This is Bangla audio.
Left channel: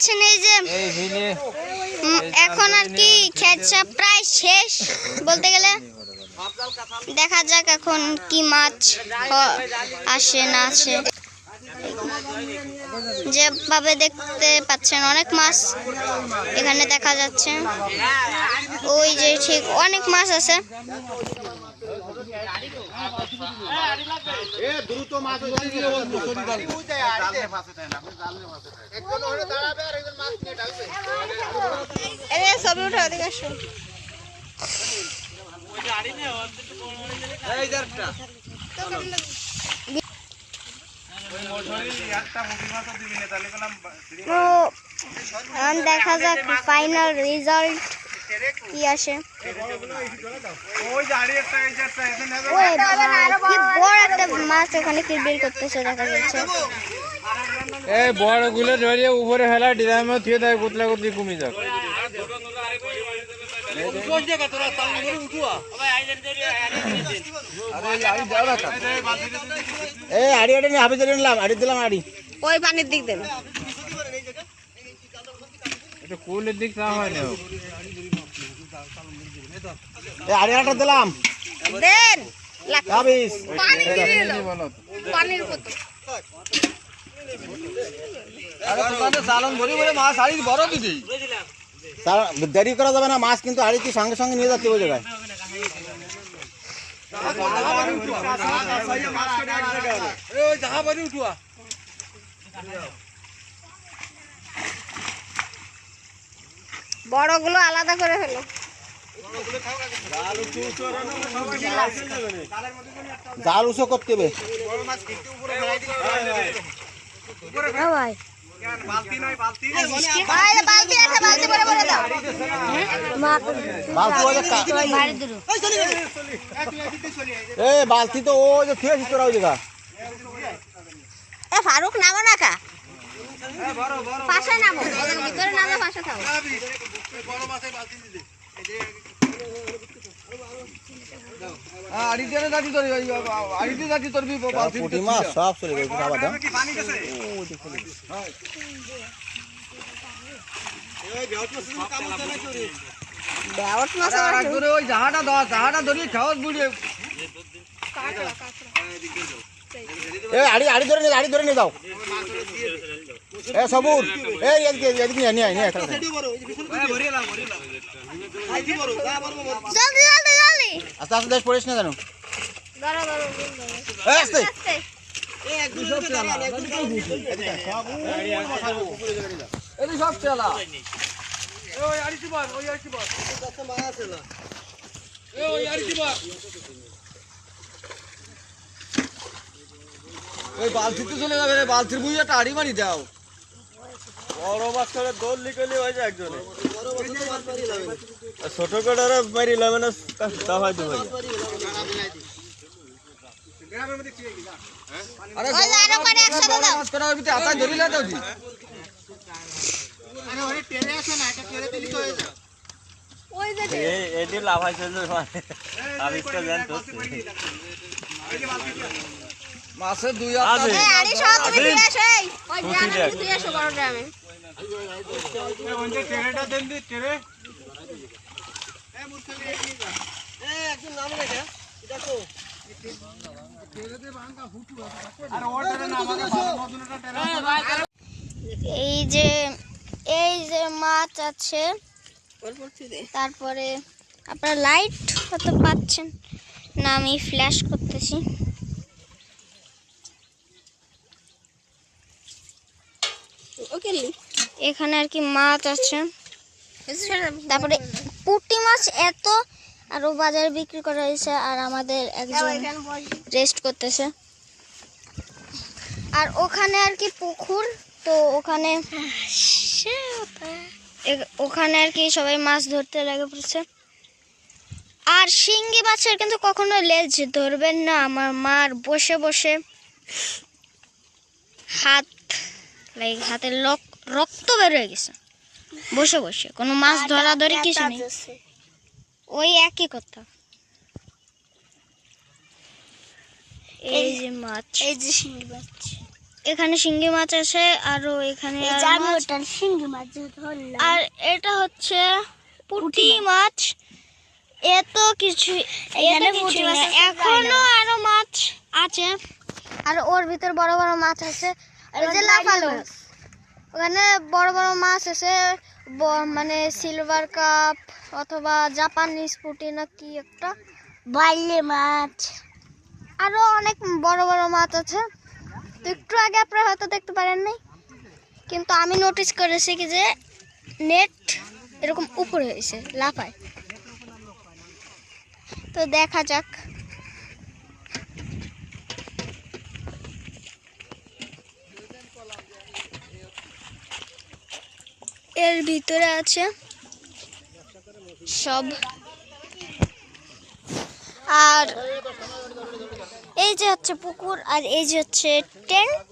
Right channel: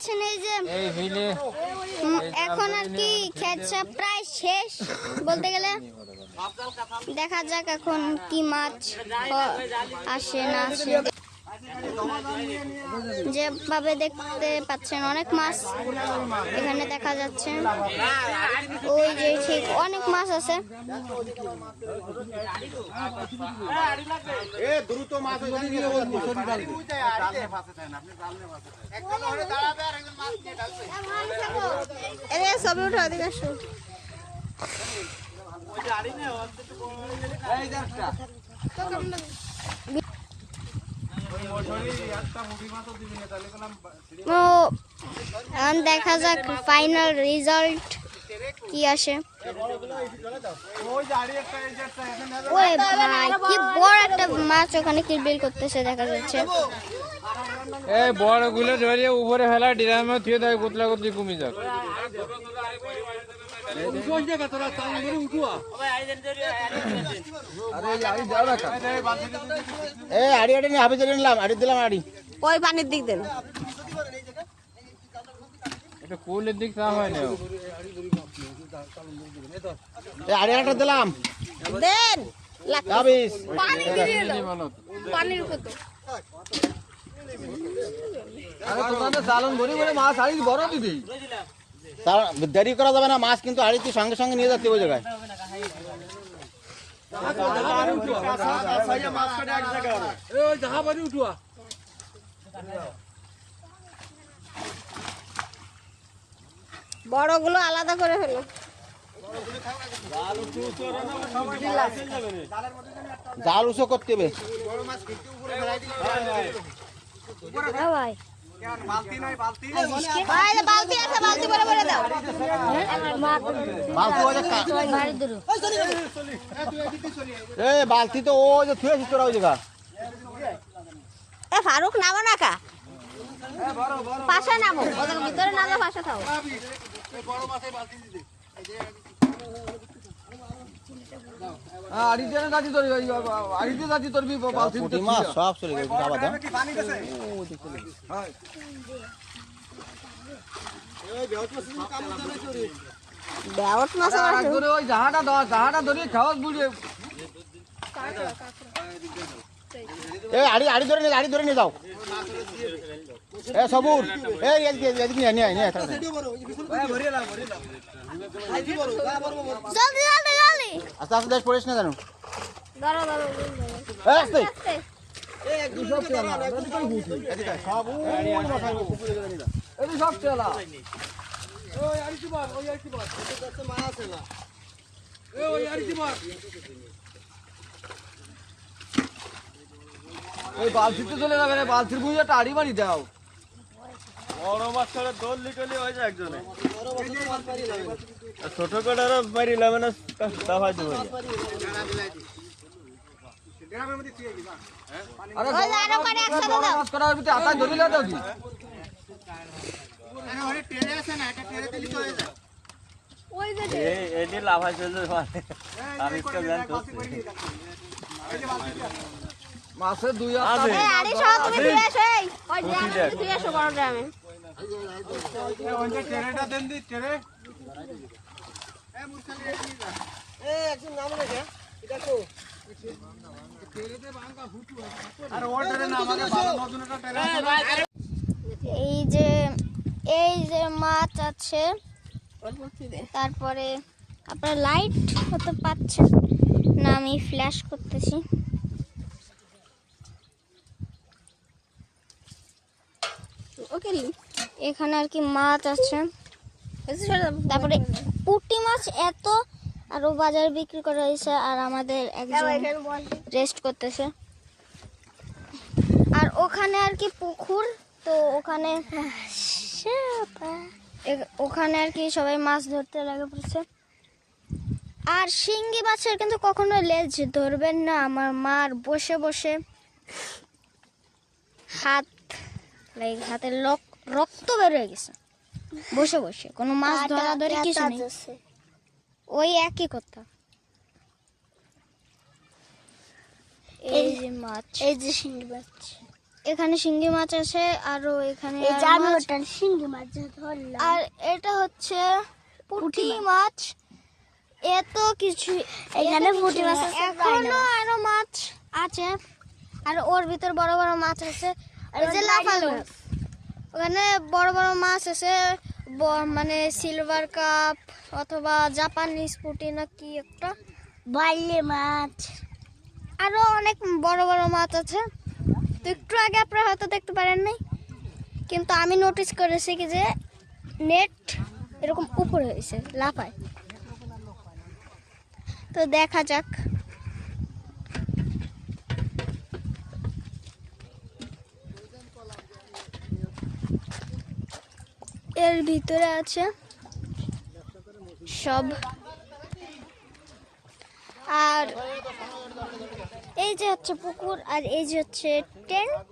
পাচ্ছেন এই যে এখন আর কি খেচা প্রায় শেষ বলতে গেলে। দেখা যাক এখন কি মাছ আসে না আসে। যেভাবে দেখতে পাচ্ছেন অনেক মাছ এখানে দেখা যাচ্ছে। ওই যে ঠিক অনেক মাছ আছে। দেখা যাক ফাইনাল রেজাল্ট কি আসে। কি বড় একটা মাছ ওখানে কিলবিল করতেছে দেখা যাচ্ছে। এই বড় গুলো ধরিয়ে উপরে ফেলা ডিরামে থুয়ে দেয়, গুতলা গুতলি কমে যাক। ওই পানির দিক দেন, কুলের দিক না হয় না। আড়িয়াটা দিলাম দেন পানির দেরি করা যাবে না, মাছ কিন্তু আড়িতে সঙ্গে সঙ্গে নিয়ে যাচ্ছে ওই জায়গায়। বড়গুলো আলাদা করে ফেলো। জাল উঁচু করতে হবে। বালতি তো ও যে খেয়েছি তোরা ওই জায়গা। ফারুক নামো না কা পাশে নামো, ভিতরে নামে পাশে থাকো। সব চলে গেছে। আড়ি ধরে নিয়ে যাও। সবুর আস্তে আস্তে দেশ পড়িস না কেন? বালতি তো চলে যাবে, বালতির বুঝে একটা আড়ি মারি দাও। বড় মাছ করে দোল লিখলি হয়ে যায় একজনে, ছোট করে মারি লাবে না দাফাই দেবো। মাছের দুই এই যে মাছ আছে। তারপরে আপনারা লাইট হয়তো পাচ্ছেন না, আমি ফ্ল্যাশ করতেছি। এখানে আর কি মাছ আছে। তারপরে পুঁটি মাছ এত আরো বাজারে বিক্রি করা হয়েছে, আর আমাদের একজন রেস্ট করতেছে। আর ওখানে আর কি পুকুর, তো ওখানে আর কি সবাই মাছ ধরতে লেগে পড়ছে। আর শিঙ্গি মাছের কিন্তু কখনো লেজ ধরবেন না। আমার মার বসে বসে হাতের রক্ত বের হয়ে গেছে বসে বসে। কোনো মাছ ধরা ধরে কিছু নেই, ওই একই কথা। এই যে মাছ, এই যে শিঙ্গি মাছ, এখানে শিঙ্গি মাছ আছে, আরো এখানে আর মাছ। আর এটা হচ্ছে পুঁটি মাছ। এত কিছু এখনো আরো মাছ আছে, আর ওর ভিতর বড় বড় মাছ আছে। এই যে লাফালো, ওখানে বড় বড় মাছ আছে, মানে সিলভার কাপ অথবা জাপানিজ পুঁটি না কি একটা, বাইলে মাছ, আরো অনেক বড় বড় মাছ আছে। তো একটু আগে আপনারা হয়তো দেখতে পারেন নাই, কিন্তু আমি নোটিস করেছি কি যে নেট এরকম উপরে হয়েছে, লাফায়। তো দেখা যাক। এর ভিতরে আছে সব। আর এই যে হচ্ছে পুকুর, আর এই যে হচ্ছে টেন্ট।